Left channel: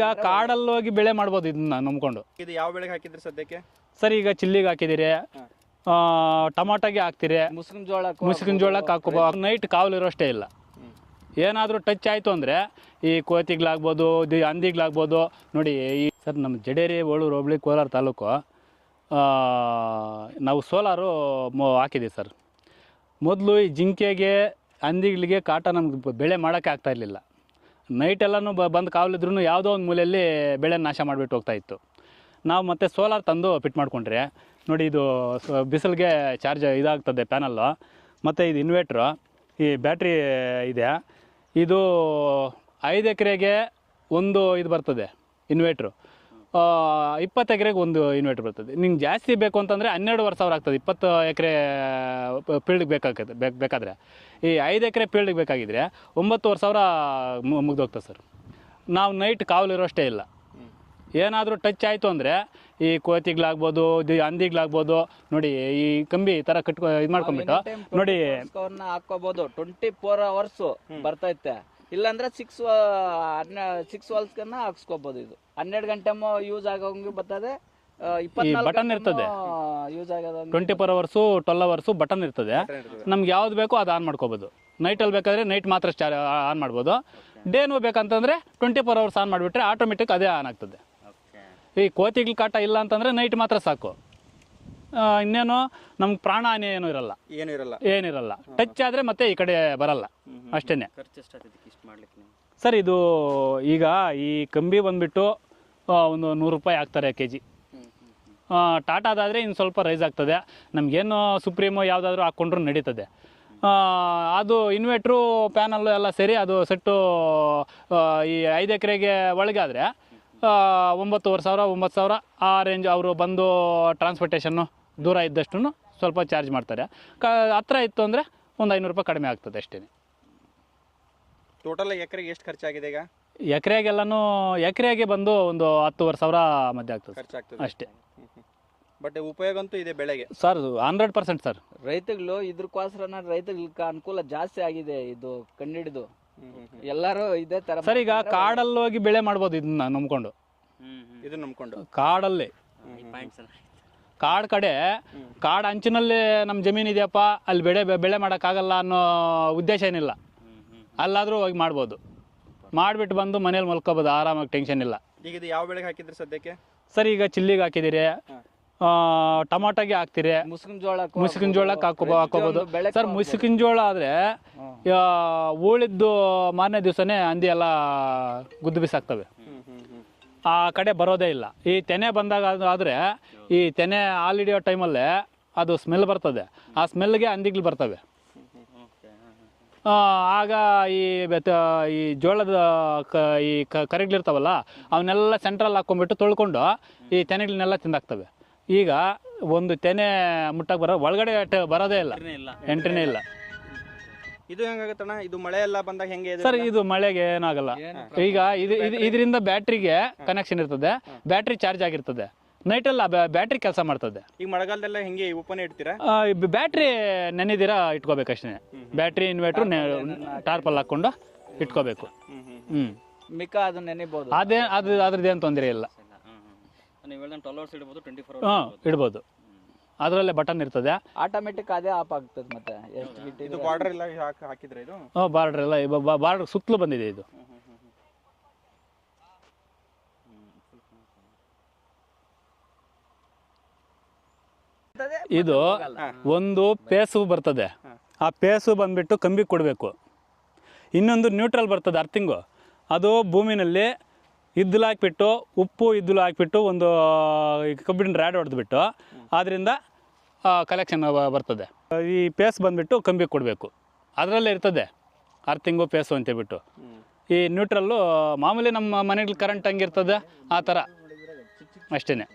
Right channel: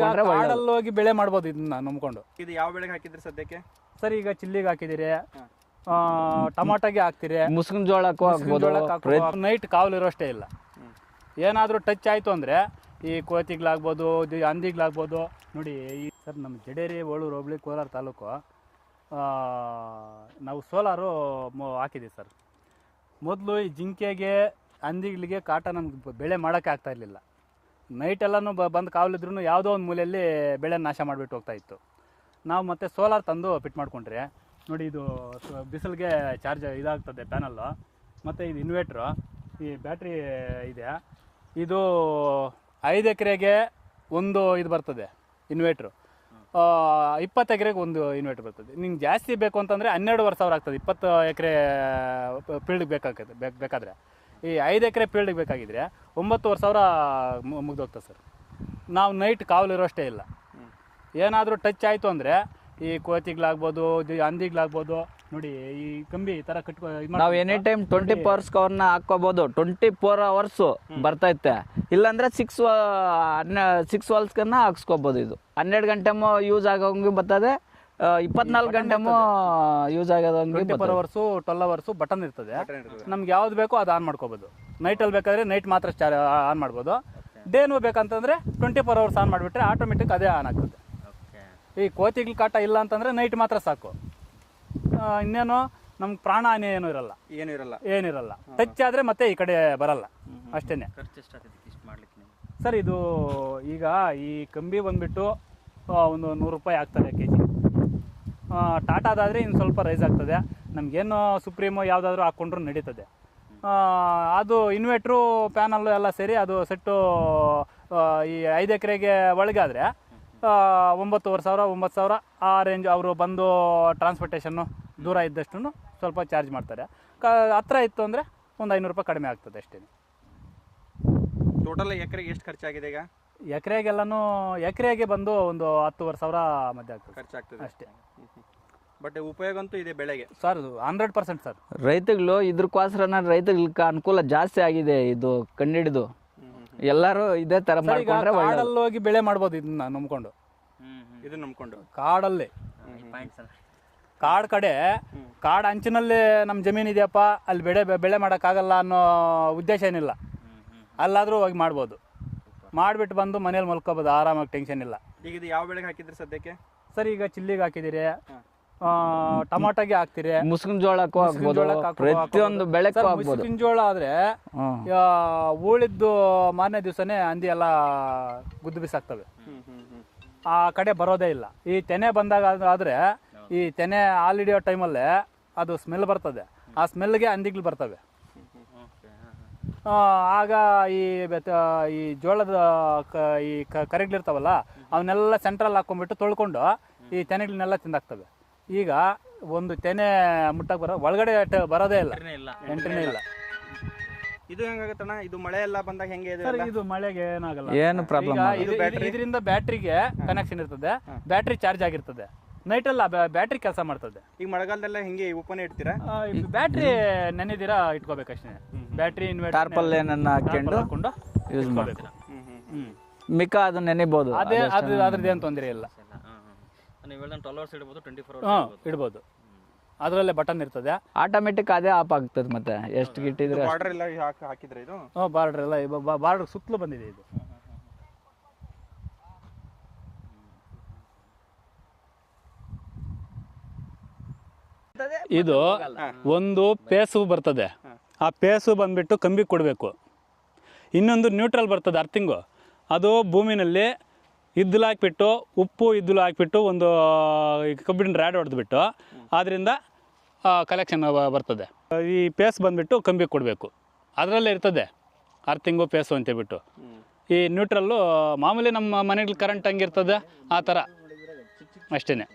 ಕಾಡಲ್ಲಿ ಹೋಗಿ ಬೆಳೆ ಮಾಡ್ಬೋದು ಇದನ್ನ ನಂಬ್ಕೊಂಡು. ಇದು ಯಾವ ಬೆಳೆಗೆ ಹಾಕಿದ್ರಿ ಸದ್ಯಕ್ಕೆ? ಸರ್ ಈಗ ಚಿಲ್ಲಿಗೆ ಹಾಕಿದಿರಿ, ಟೊಮಾಟೋಗೆ ಹಾಕ್ತಿರಿ, ಮುಸ್ಕಿನ ಜೋಳಕ್ಕೆ ಹಾಕೋ ನೈಟ್ ಕಾವಲಿರೋಷ್ಟೇ ಇಲ್ಲ. ಏನಾದರೂ ಟಚ್ ಆಯಿತು ಅಂದರೆ ಈ ಕೋತಿಗ್ಲಾಗ್ಬೋದು, ಹಂದಿಗ್ಲಾಗ್ಬೋದು. ನೋಡಿ ಈ ಸರ್ ನಮ್ಮ ಜಡೇರಿ ಓಳೂರು ಹೋಬಳಿ ಕೋಲಾರ ತಾಲೂಕು ನಾವು ಸೋಲಾರು ಹಾಕಿದ್ದೀವಿ ಸರ್. ಮೊದಲು ಈ ಜಿಂಕೆಗೆ ಹಂದಿಗಳಿಗೆ ಕಾಟ ನಮ್ಗೆ ಬೆಳೆ ಮಾಡೋಕ್ಕೆ ಆಗ್ತಾಯಿರಲಿಲ್ಲ. ನೈಟೆಲ್ಲನೂ ಬಂದು ಕಾವಲಿದ್ರೂ ಯಾವುದೋ ಒಂದು ಮೂಲೆಯಲ್ಲಿ ಬೆಳೆ ನಾಶ ಮಾಡಿಬಿಟ್ಟು ಹೋಗ್ತಾಯಿತ್ತು. ನಾವು ಮತ್ತೆ ಸೋಲಾರ್ ತಂದು ಫಿಟ್ ಮಾಡ್ಕೊಂಡ್ರೆ ನೋಡಿ, ಇದು ಬಿಸಿಲಿಗೆ ಚಾರ್ಜ್ ಇದಾಗ್ತದೆ ಪ್ಯಾನಲ್ಲು, ಮತ್ತು ಇದು ಇನ್ವೇಟ್ರು, ಈ ಬ್ಯಾಟ್ರಿ ಇದೆ. ಇದು 5 ಎಕರೆಗೆ ಒಂದು ಇದು ಬರ್ತದೆ ಇನ್ವೇಟ್ರು, 20 ಎಕರೆಗೆ ಒಂದು ಇನ್ವೇಟ್ರ್ ಬರ್ತದೆ. ನಿಮ್ಗೆ ಜಾಸ್ತಿ ಬೇಕು ಅಂತಂದರೆ 12,500 ಆಗ್ತದೆ 20 ಎಕರೆ ಫೀಲ್ಡ್ಗೆ ಬೇಕಾದರೆ. ಈ 5 ಎಕರೆ ಫೀಲ್ಡ್ಗೆ ಬೇಕಾಗಿದ್ದರೆ 9,500 ಮುಗ್ದೋಗ್ತದೆ ಸರ್. ನಾವು ನೈಟ್ ಕಾವಲಿರೋಷ್ಟೇ ಇಲ್ಲ. ಏನಾದರೂ ಟಚ್ ಆಯಿತು ಅಂದರೆ ಈ ಕೋತಿಗ್ಲಾಗ್ಬೋದು, ಹಂದಿಗ್ಲಾಗ್ಬೋದು. ನೋಡಿ ಈ ಕಂಬಿ ಥರ ಕಟ್ಕೊ ಇದು ಮಾಡಿ ಎನಿ ಟೈಮ್ 24 hours ಕವರ್ನ ಹಾಕೋಬೋದು. 24 hours ಬರ್ತೈತೆ. ಇಲ್ಲಾಂದ್ರೆ 6 ವಾಲ್ಸ್ಕನ್ನ ಹಾಕ್ಸ್ಕೋಬೋದು. ಇದು 12 ಗಂಟೆ ಯೂಸ್ ಆಗೋಂಗೆ ಬರ್ತದೆ, 24 ಗಂಟೆ ಯೂಸ್ ಆಗೋದಂಗೆ 24 hours 12 hours ಬಟನ್ ಇರ್ತದೆ. ನಮ್ಗೆ ಯಾವ್ದು ಬೇಕೋ ಅದು ಆನ್ ಮಾಡ್ಕೋಬೋದು. ನೈಟಲ್ಲಿ ಬೇಕಾದರೆ ನೈಟ್ ಮಾತ್ರ ಆನ್ ಮಾಡ್ಬೋದು. ಡೇನೂ ಬೇಕಂತಂದರೆ 24 hours ಆನ್ ಮಾಡಿಬಿಟ್ರೆ ಆಟೋಮೆಟಿಕ್ ಅದೇ ಆನ್ ಆಗ್ತದೆ. ಈ ಕೋತಿಗಳ ಕಾಟ ಇಲ್ಲ ಅಂತಂದರೆ ನೈಟ್ ಮಾತ್ರ ಸಾಕು. ಇನ್ನೇನು ನಮ್ಗೆ ಪ್ರಾಣ ಹಾನಿ ಏನಿರಲ್ಲ. ಟಚ್ ಆದರೆ ಮತ್ತೆ ಈ ಕಡೆ ಬರಲ್ಲ ಅಷ್ಟೇ. ಸರ್ ಇದು ಈಗ ಈ ಕಂಬಿ ಬಂದುಬಿಟ್ಟು ಒಂದು 100 ರೂಪಾಯಿ ಹಾಕ್ತಾರೆ kg. ಟಾಟಾದಾದರೆ ಇನ್ನು ಸ್ವಲ್ಪ ರೈಸ್ ಆಗ್ತದೆ. ನಮಗೇನು ಸುಪ್ರೀಮೋ ಯಾವುದಾದ್ರೂ ಹಾಕ್ಕೊಂಡ್ರೂ ನಡೀತದೆ. ಅದು ಇನ್ವೇಟ್ರು ಪ್ಯಾನಲ್ಲು ಎಲ್ಲ ಸೇರಿ ಅದು ಸೆಟ್ಟು ಈ 5 ಎಕರೆಗೆ ಒಳಗಾದರೆ 9,500 9,000 ಆ ರೇಂಜ್. ಅವರು ಬಂದು ಟ್ರಾನ್ಸ್ಪೋರ್ಟೇಷನ್ನು ದೂರ ಇದ್ದಷ್ಟು ಸ್ವಲ್ಪ ಚಾರ್ಜ್ ಮಾಡ್ತಾರೆ. ಹತ್ರ ಇತ್ತು ಅಂದರೆ ಒಂದು 500 ರೂಪಾಯಿ ಕಡಿಮೆ ಆಗ್ತದೆ ಅಷ್ಟೇ. ಟೋಟಲ್ ಎಕರೆಗೆ ಎಷ್ಟು ಖರ್ಚಾಗಿದೆ ಈಗ? ಎಕರೆಗೆ ಬಂದು ಒಂದು 10,500 ಮಧ್ಯೆ ಆಗ್ತದೆ ಖರ್ಚಾಗ್ತದೆ ಅಷ್ಟೇ. ಬಟ್ ಉಪಯೋಗ ಅಂತೂ ಇದೆ ಬೆಳೆಗೆ ಸರ್, 100% ಸರ್. ರೈತಗಳು ಇದ್ರಕ್ಕೋಸ್ಕರ ರೈತಗಳಿಗೆ ಅನುಕೂಲ ಜಾಸ್ತಿ ಆಗಿದೆ. ಇದು ಕಂಡಿಡಿದು ಎಲ್ಲರೂ ಇದೇ ತರ ಕಾಡಲ್ಲಿ ಹೋಗಿ ಬೆಳೆ ಮಾಡ್ಬೋದು ಇದನ್ನ ನಂಬ್ಕೊಂಡು. ಕಾಡಲ್ಲೇ ಕಡೆ ಕಾಡು ಅಂಚಿನಲ್ಲೇ ನಮ್ಮ ಜಮೀನು ಇದೆಯಪ್ಪ, ಅಲ್ಲಿ ಬೆಳೆ ಮಾಡೋಕ್ಕಾಗಲ್ಲ ಅನ್ನೋ ಉದ್ದೇಶ ಏನಿಲ್ಲ. ಅಲ್ಲಾದರೂ ಹೋಗಿ ಮಾಡ್ಬೋದು. ಮಾಡಿಬಿಟ್ಟು ಬಂದು ಮನೇಲಿ ಮಲ್ಕೋಬೋದು ಆರಾಮಾಗಿ, ಟೆನ್ಷನ್ ಇಲ್ಲ. ಈಗ ಇದು ಯಾವ ಬೆಳೆಗೆ ಹಾಕಿದ್ರಿ ಸದ್ಯಕ್ಕೆ? ಸರ್ ಈಗ ಚಿಲ್ಲಿಗೆ ಹಾಕಿದಿರಿ, ಟೊಮಾಟೋಗೆ ಹಾಕ್ತಿರಿ, ಮುಸ್ಕಿನ ಜೋಳಕ್ಕೆ ಸರ್. ಮುಸ್ಕಿನ ಜೋಳ ಆದ್ರೆ ಉಳಿದ್ದು ಮಾರನೇ ದಿವಸನೇ ಹಂದಿ ಎಲ್ಲ ಗುದ್ದು ಬಿಸಾಕ್ತವೆ. ಆ ಕಡೆ ಬರೋದೇ ಇಲ್ಲ. ಈ ತೆನೆ ಬಂದಾಗ ಆದ್ರೆ ಈ ತೆನೆ ಹಾಲು ಹಿಡಿಯೋ ಟೈಮಲ್ಲೇ ಅದು ಸ್ಮೆಲ್ ಬರ್ತದೆ. ಆ ಸ್ಮೆಲ್ಗೆ ಹಂದಿಗಳು ಬರ್ತವೆ. ಆಗ ಈ ಜೋಳದ ಈ ಕರೆಗಳಿರ್ತಾವಲ್ಲ ಅವನ್ನೆಲ್ಲ ಸೆಂಟ್ರಲ್ಲಿ ಹಾಕೊಂಡ್ಬಿಟ್ಟು ತೊಳ್ಕೊಂಡು ಈ ತೆನೆಗಳನ್ನೆಲ್ಲ ತಿಂದಾಕ್ತವೆ. ಈಗ ಒಂದು ತೆನೆ ಮುಟ್ಟಕ್ಕೆ ಒಳಗಡೆ ಬರೋದೇ ಇಲ್ಲ, ಎಂಟ್ರಿನೇ ಇಲ್ಲ. ಇದು ಹೆಂಗಾಗತ್ತಣ್ಣ? ಇದು ಮಳೆ ಎಲ್ಲ ಬಂದಾಗ ಹೆಂಗೆ ಸರ್? ಇದು ಮಳೆಗೆ ಏನಾಗಲ್ಲ. ಈಗ ಇದರಿಂದ ಬ್ಯಾಟ್ರಿಗೆ ಕನೆಕ್ಷನ್ ಇರ್ತದೆ, ಬ್ಯಾಟ್ರಿ ಚಾರ್ಜ್ ಆಗಿರ್ತದೆ. ನೈಟೆಲ್ಲ ಬ್ಯಾಟ್ರಿ ಕೆಲಸ ಮಾಡ್ತದೆ. ಈಗ ಮಳೆಗಾಲದಲ್ಲ ಹೆಂಗೆ ಓಪನ್ ಇಡ್ತೀರಾ? ಬ್ಯಾಟ್ರಿ ನೆನೆದಿರಾ ಇಟ್ಕೋಬೇಕಷ್ಟೇ. ಬ್ಯಾಟ್ರಿ ಇನ್ವರ್ಟರ್ ಹಾಕೊಂಡು ಇಟ್ಕೋಬೇಕು. ಮಿಕ್ಕ ಅದು ನೆನೆಬಹುದು. ಅದ್ರದ್ದೇನು ತೊಂದರೆ ಇಲ್ಲ. ಇಡ್ಬೋದು. ಅದರಲ್ಲೇ ಬಟನ್ ಇರ್ತದೆ, ಆಟೋಮೆಟಿಕ್ ಅದೇ ಆಫ್ ಆಗ್ತದೆ. ಮತ್ತೆ ಎಷ್ಟು ಗಿಟ್ಟಿದ್ರೆ ಬಾರ್ಡರ್ ಎಲ್ಲ ಹಾಕಿದ್ರೆ ಇದು ಬಾರ್ಡರ್ ಎಲ್ಲ ಬಾರ್ಡರ್ ಸುತ್ತಲೂ ಬಂದಿದೆ. ಇದು ಒಂದು ಪೇಸು ಬರ್ತದೆ. ಆ ಪೇಸು ಬಂದ್ಬಿಟ್ಟು ಕಂಬಿ ಕೊಡಬೇಕು. ಇನ್ನೊಂದು ನ್ಯೂಟ್ರಲ್ ಬರ್ತದೆ, ಅರ್ಥಿಂಗು. ಅದು ಭೂಮಿನಲ್ಲಿ ಇದ್ದಲು ಹಾಕಿಬಿಟ್ಟು, ಉಪ್ಪು ಇದ್ದಲು ಹಾಕಿಬಿಟ್ಟು ಒಂದು ಕಬ್ಬಿಣ ರ್ಯಾಡ್ ಹೊಡೆದ್ಬಿಟ್ಟು ಅದರಿಂದ ಕಲೆಕ್ಷನ್ ಬರ್ತದೆ. ಈ ಪೇಸ್ ಬಂದುಬಿಟ್ಟು ಕಂಬಿ ಕೊಡಬೇಕು. ಅದರಲ್ಲೇ ಇರ್ತದೆ ಅರ್ಥಿಂಗು ಪೇಸು ಅಂತೇಳ್ಬಿಟ್ಟು. ಈ ನ್ಯೂಟ್ರಲ್ಲು ಮಾಮೂಲಿ ನಮ್ಮ ಮನೆಗಳು ಕರೆಂಟ್ ಹಂಗಿರ್ತದೆ ಆ ಥರ ಅಷ್ಟೇ.